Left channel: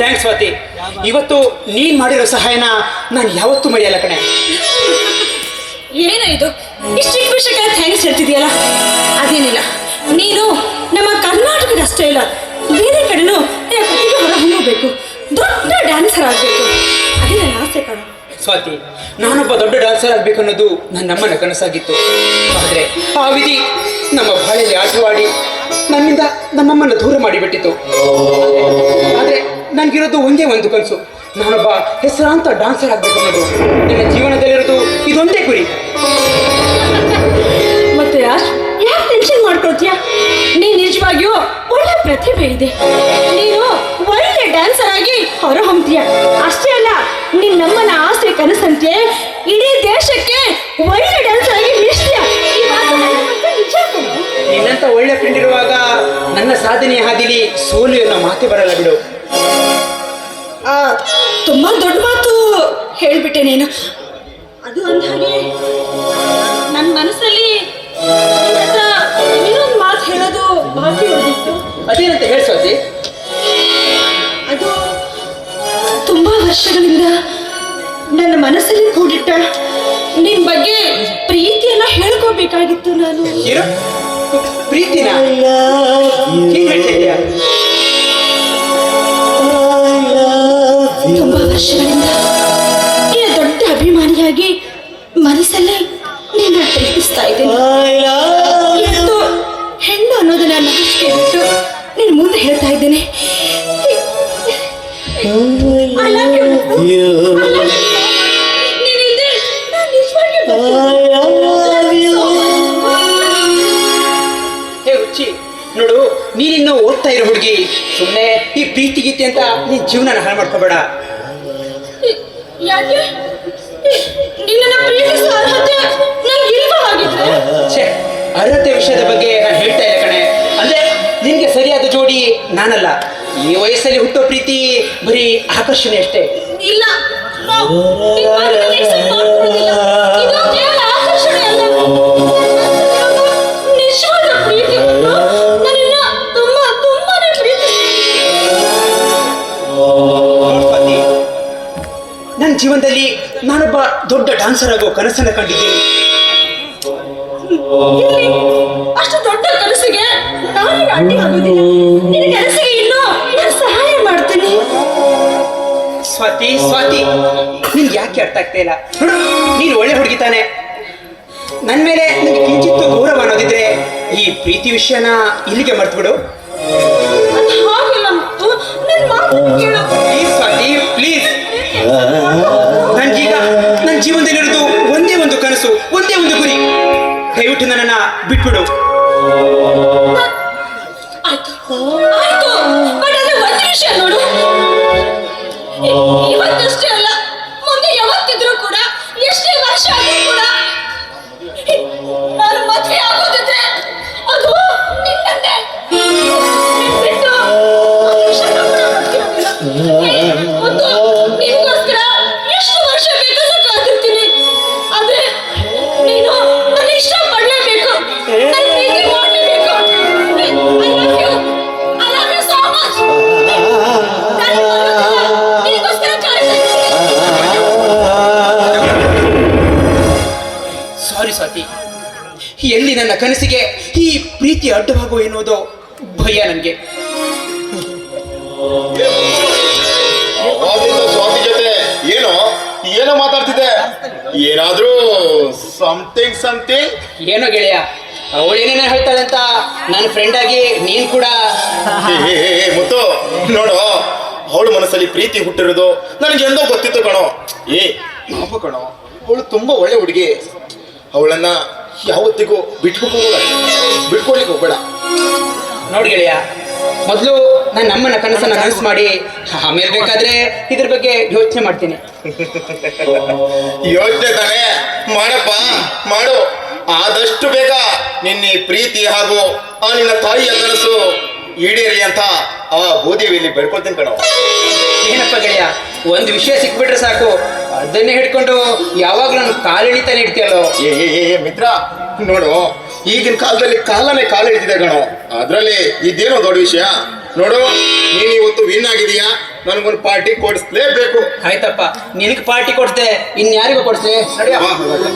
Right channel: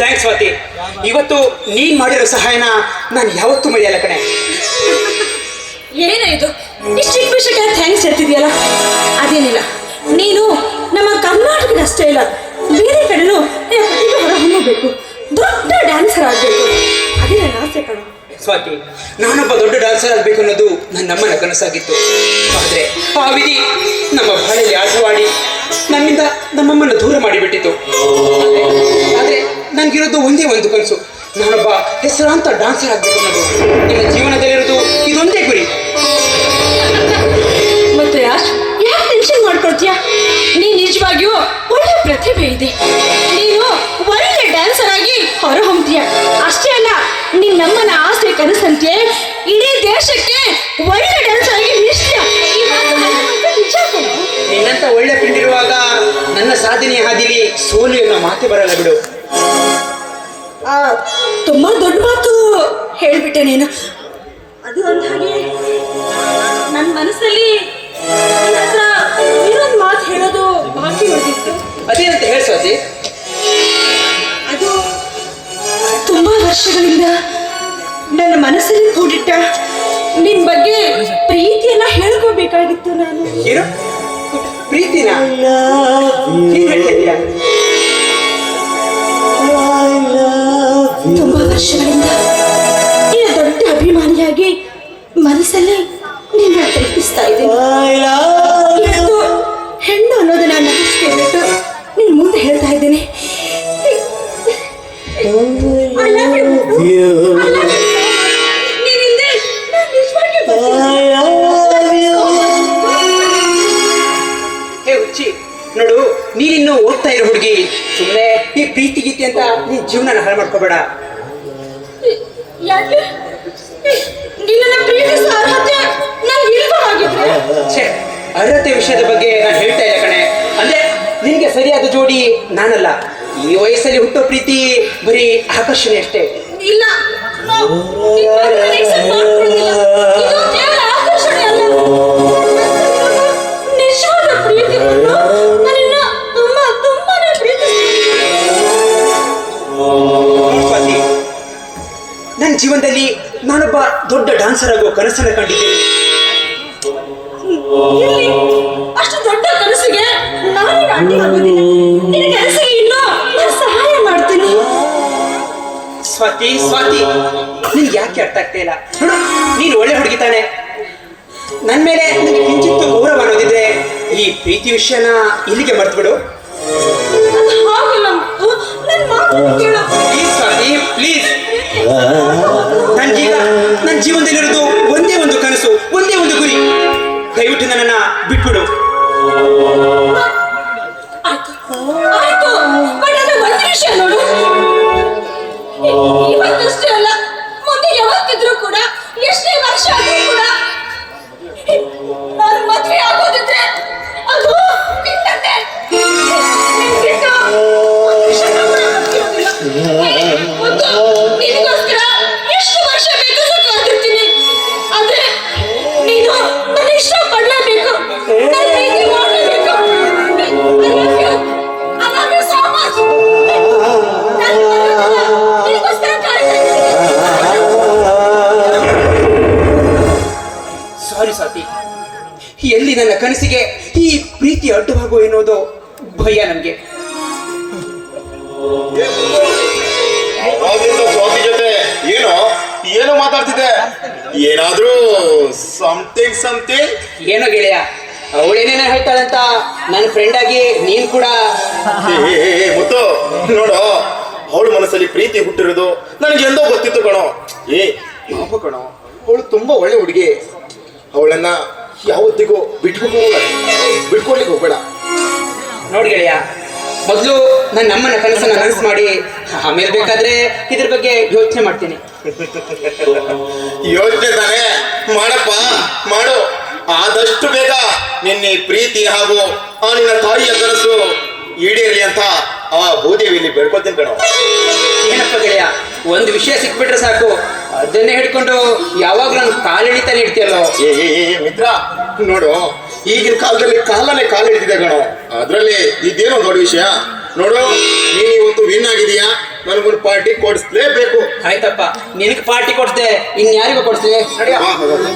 Thanks Swati. ಇವತ್ತು ನೀನ್ ಮಾಡಿರೋ ಸಹಾಯನ ನಾನು ಯಾವತ್ತೂ ಮರೆಯಲ್ಲ ಕಣೆ. ಏನ ಇದು ಇಷ್ಟು ವಿಷಯಕ್ಕೆ ಥ್ಯಾಂಕ್ಸ್ ಹೇಳ್ತಿದ್ಯಲ್ಲ? ಅದೇನಿಲ್ಲ, ನೀನು ನಮ್ಮ ಕರ್ನಾಟಕದ ಅಷ್ಟೇ ಇಲ್ಲ, ಬೇರೆ ಕಡೆನೂ ಹೊರಹೊಮ್ಮಬೇಕು, ದೊಡ್ಡ ಡ್ಯಾನ್ಸರ್ ಆಗಬೇಕು, ಅದೇ ನನ್ನ ಆಸೆ ಕಣು. ಸ್ವಾತಿ, ನಾನೊಬ್ಬ ದೊಡ್ಡ ಡ್ಯಾನ್ಸರ್ ಆಗಬೇಕು ಅನ್ನೋದು ನನ್ನಮ್ಮನ ಕನಸಾಗಿತ್ತು. ಆದರೆ ಆ ವಿಧಿ ನಮ್ಮ ಬಾಳೆಯಲ್ಲಿ ಆಟವಾಡಿ ನನ್ನಿಂದ ನಮ್ಮಮ್ಮನ ದೂರ ಮಾಡಿಬಿಟ್ಟಿತ್ತು. ಆದರೆ ನನಗಿರೋದು ಒಂದೇ ಒಂದು ಕನಸು, ನಾನೊಬ್ಬ ಹೆಸರಾಂತ ಡ್ಯಾನ್ಸರ್ ಆಗಬೇಕು ಅನ್ನೋದು. ನನ್ನ ಜೀವನದಲ್ಲಿರೋದು ಇದೊಂದೇ ಗುರಿ. ಮತ್ತೆ ಯಾಕೆ ಟೆನ್ಷನ್ ಮಾಡ್ಕೊಳ್ತೀಯ? ನೀನು ನಿಜವಾಗಿಯೂ ಒಳ್ಳೆ ಪ್ರತಿಭೆ ಇದೆ. ನೀನು ಒಳ್ಳೆ ಡ್ಯಾನ್ಸರ್ ಆಗಿ ಹೊರಹೊಮ್ತೀಯ. ಅಷ್ಟೇ ಅಲ್ಲ, ನಿನ್ನಮ್ಮನ ಆಸೆ ಕನಸಂತೆ ಇಡೀ ದೇಶಕ್ಕೆ ಒಳ್ಳೆ ಡ್ಯಾನ್ಸರ್ ಆಗಿ ನಿಲ್ಸ್ತೀಯ. ನಿನ್ನಂತ ಒಳ್ಳೆ ಫ್ರೆಂಡ್ ಇರುವಾಗ ನನ್ನ ಸಾಧನೆಯ ಹಾದಿಲಿ ಸೋಲು ಅನ್ನೋ ಮಾತೆ ಬರಲ್ಲ ಬಿಡು. ತುಂಬಾ ದೊಡ್ಡ ಮಾತು ಹೇಳ್ಬಿಟ್ಟೆ ನೀನು. ಅದು ಅಂದ ಹಾಗೆ ನನ್ನ ಮನಸ್ಸಲ್ಲಿ ಇನ್ನೊಂದು ಮಾತು ಹೇಳೋದು ಬಾಕಿ ಉಳಿದಿತ್ತು. ಅದೇನಂತ ಹೇಳಿ ಸ್ವಾತಿ? ಅದು ತುಂಬಾ ವರ್ಷಗಳಿಂದ ನನ್ನ ಮನಸ್ಸಲ್ಲಿ ಕೂಡಿಟ್ಟ ನಿನ್ ಬಗ್ಗೆ ಪ್ರೀತಿಯನ್ನ ಹೇಳ್ಕೋಬೇಕಾಗಿತ್ತು ನಾನು. ಏನು ಪ್ರೀತಿನ ನೀನ್ ಹೇಳ್ತಾ ಇದೀಯಾ? ತುಂಬಾ ವರ್ಷಗಳಿಂದ ನೀನು ದೊಡ್ಡ ಅಭಿಮಾನಿಯಾಗಿ ಮನಸ್ಸಲ್ಲಿ ನಿನ್ನ ಪ್ರೀತಿಸ್ತಾ ಇದ್ದೀನಿ. ಇವತ್ತು ಹೆಣ್ಣು ಅನ್ನೋದನ್ನ ನಾಚಿಕೆ ಬಿಟ್ಟು ನಿನ್ ಮುಂದೆ ಹೇಳ್ತಾ ಇದ್ದೇನೆ. ಹೇ ಹುಚ್ಚಿ, ನೋಡು, ನೀನಿನ್ನು ಓದ್ತಾ ಇರೋ ಹುಡುಗಿ, ಸುಮ್ಮನೆ ಈ ಪ್ರೀತಿ ಗೀತೆ ಅಂತ ನೀನ್ ಜೀವನ ಹಾಳು ಮಾಡ್ಕೋಬೇಡ. ಯಾಕೆ ನಿನ್ನ ಪ್ರೀತಿಸೋ ಅರ್ಹತೆ ನಂಗೆ ಇಲ್ಲವಾಗಿದ್ರೆ? ಅರ್ಹತೆ ವಿಷಯದ ಬಗ್ಗೆ ನಾನು ಹೇಳ್ತಾ ಇಲ್ಲ ಕಣೆ. ಅಂದ್ರೆ ನಿನ್ಗೆ ಸರಿಯಾದ ಜೋಡಿ ನಾನಲ್ಲ. ಈ ವಯಸ್ಸಲ್ಲಿ ಹುಟ್ಟೋ ಪ್ರೀತಿ ಬರೀ ಆಕರ್ಷಣೆ ಅಷ್ಟೇ. ಇಲ್ಲ, ಆಕರ್ಷಣೆ ಅಲ್ಲ, ನಿಜವಾದ ಪ್ರೀತಿ. ನನ್ನನ್ನ ತುಂಬಾನೇ ಸ್ವಾತಿ, ನನ್ನ ಜೀವನದಲ್ಲಿ ನಾನೊಬ್ಬ ದೊಡ್ಡ ಡ್ಯಾನ್ಸರ್ ಆಗೋ ಕನಸನ್ನ ಕಂಡಿದ್ದೇನೆ. ಅಷ್ಟು ದೊಡ್ಡ ಕನಸಿಗೆ ನಾನೇ ಅಡ್ಡಿ ಆಗೋದಿಲ್ಲ. ನಿನ್ನ ಕನಸಿಗೆ ಇನ್ನೂ ನಾನು ಸಹಾಯ ಮಾಡ್ತೀನಿ. ಸ್ವಾತಿ, ನಿನ್ಗೆ ಯಾಕೆ ಅರ್ಥ ಆಗ್ತಾ ಇಲ್ಲ? ನೀನು ಒಳ್ಳೆ ಹುಡುಗಿ ತಾನೆ. ನನ್ನ ಮೇಲೆ ನನಗೆ ಕಿಂಚಿತ್ತು ಗೌರವ ಅನ್ನೋದಿದ್ರೆ ಈ ಪ್ರೀತಿ ವಿಷಯನ ಇಲ್ಲಿಗೆ ಮರ್ತು ಬಿಡು. Please Swati, please. ನನ್ಗೀಗ ನನ್ನ ಜೀವನದಲ್ಲಿರೋದು ಒಂದೇ ಒಂದು ಕನಸು, ಒಂದೇ ಒಂದು ಗುರಿ. ದಯವಿಟ್ಟು ನನ್ನನ್ನ ಬಿಟ್ಬಿಡು. ಆಯ್ತು, ಬಟ್ ಅದು ಒಂದು ವಿಷಯ ನೋಡು, ಇವತ್ತಷ್ಟೇ ಅಲ್ಲ, ಮುಂದೆ ಯಾವತ್ತಿದ್ರು ಕೂಡ, ಎಷ್ಟೇ ವರ್ಷ ಆದ್ರೂ ಕೂಡ ನಾನು ಮದುವೆ ಆಗೋದಿದ್ರೆ ಅದು ನಿನ್ನನ್ನೇ. ನಿನಗೋಸ್ಕರ ಎಷ್ಟು ವರ್ಷ ಬೇಕಾದ್ರೂ ಕಾದಿರ್ತೀನಿ. ಆದ್ರೆ ನೀನು ನನ್ನ ಇಷ್ಟಪಡಲೇಬೇಕು, ನನ್ನ ಪ್ರೀತಿ ಮಾಡಲೇಬೇಕು. I love you so much. ನಿನಗೋಸ್ಕರ ಕಾಯ್ತಿರ್ತೀನಿ. ಸಾರಿ ಸ್ವಾತಿ, ಎಲ್ಲಿ ನನ್ನ ಕನಸಿಗೆ ಈ ಪ್ರೀತಿ ಅಡ್ಡವಾಗೋ ಎನ್ನುವುದು ಭಯ ನನಗೆ. ಸ್ವಾತಿ ಜೊತೆ ಏನೋ ಮಾತಾಡ್ತಿದ್ದೆ, ಏನಾದ್ರೂ ಸಮಥಿಂಗ್ ಏನೋ ಗೆಳೆಯ, ಅವಳು ಏನೇನೋ ಹೇಳ್ತಾಳೆ ಅಂತ ನನ್ನ ಫ್ರೆಂಡ್ ಆಗಿ ನೀನ್ ಕೂಡ. ಮುತ್ತು ನೋಡು, ಅವಳ ಮನಸ್ಸಲ್ಲಿ ಪ್ರೀತಿ ಹುಟ್ಟಿರೋದು ನನಗೆ ಎಂದೋ ಗೊತ್ತಿತ್ತು ಕಣೋ. ಕಣೋ, ಅವಳು ತುಂಬಾ ಒಳ್ಳೆ ಹುಡುಗಿ. ಅವಳನ್ನ ಯಾವತ್ತಿಗೂ ಬಿಟ್ಕೊಡ್ಲಿಕ್ಕೆ ಹೋಗ್ಬೇಡ. ನೋಡಿ ಗೆಳೆಯ, ಮೊದಲು ನನ್ನ ನಮ್ಮನ ಕನಸನ್ನ ನನಸು ಮಾಡಿ ಆಮೇಲೆ ಬೇಕಾದ್ರೆ ಇದ್ರ ಬಗ್ಗೆ ಯೋಚನೆ ಮಾಡ್ತೀನಿ. ಯೋಚನೆ ತಾನೇ ಮಾಡಪ್ಪ, ಮಾಡು. ಆದಷ್ಟು ಬೇಗ ನಿನ್ನ ಪ್ರೀತಿ ಹಾಗೂ ಆ ನಿನ್ನ ತಾಯಿಯ ಕನಸು ಈಡೇರಿ ಅಂತ ಆ ಭೂದೇವಿಯಲ್ಲಿ ಬೆಳ್ಕೊಳ್ತೀನಿ ಕಣೋ. ಏನಪ್ಪ ಗೆಳೆಯ, ಒಂದು ವಿಷಯ ಸಿಕ್ಬಿಟ್ರೆ ಸಾಕು, ಅದನ್ನೇ ಹಿಡ್ಕೊಂಡು ಯಾವಾಗ್ಲೂ ನಮ್ ಕಾಲೆಳಿತಾನೆ ಇಡ್ತೀಯಲ್ಲೋ. ಮಿತ್ರ ನೋಡು, ಈಗಿನ ಕಾಲದಲ್ಲಿ ಕಾಲೆಳಿತಿದೆ ಕಣೋ. ಅದ್ರಲ್ಲಿ ಇದೇನೋ ದೊಡ್ಡ ವಿಷಯ ನೋಡು. ನೀನ್ ಇವತ್ತು ವಿನ್ ಆಗಿದೀಯಾ, ನನಗೊಂದು ಪಾರ್ಟಿ ಕೊಡಿಸ್ಲೇಬೇಕು. ಆಯ್ತಪ್ಪ, ನಿನಗೆ ಪಾರ್ಟಿ ಕೊಡ್ತೆ, ಇನ್ಯಾರಿಗೂ ಕೊಡ್ತೆ. ಬಾ, ಹೋಗೋಣ.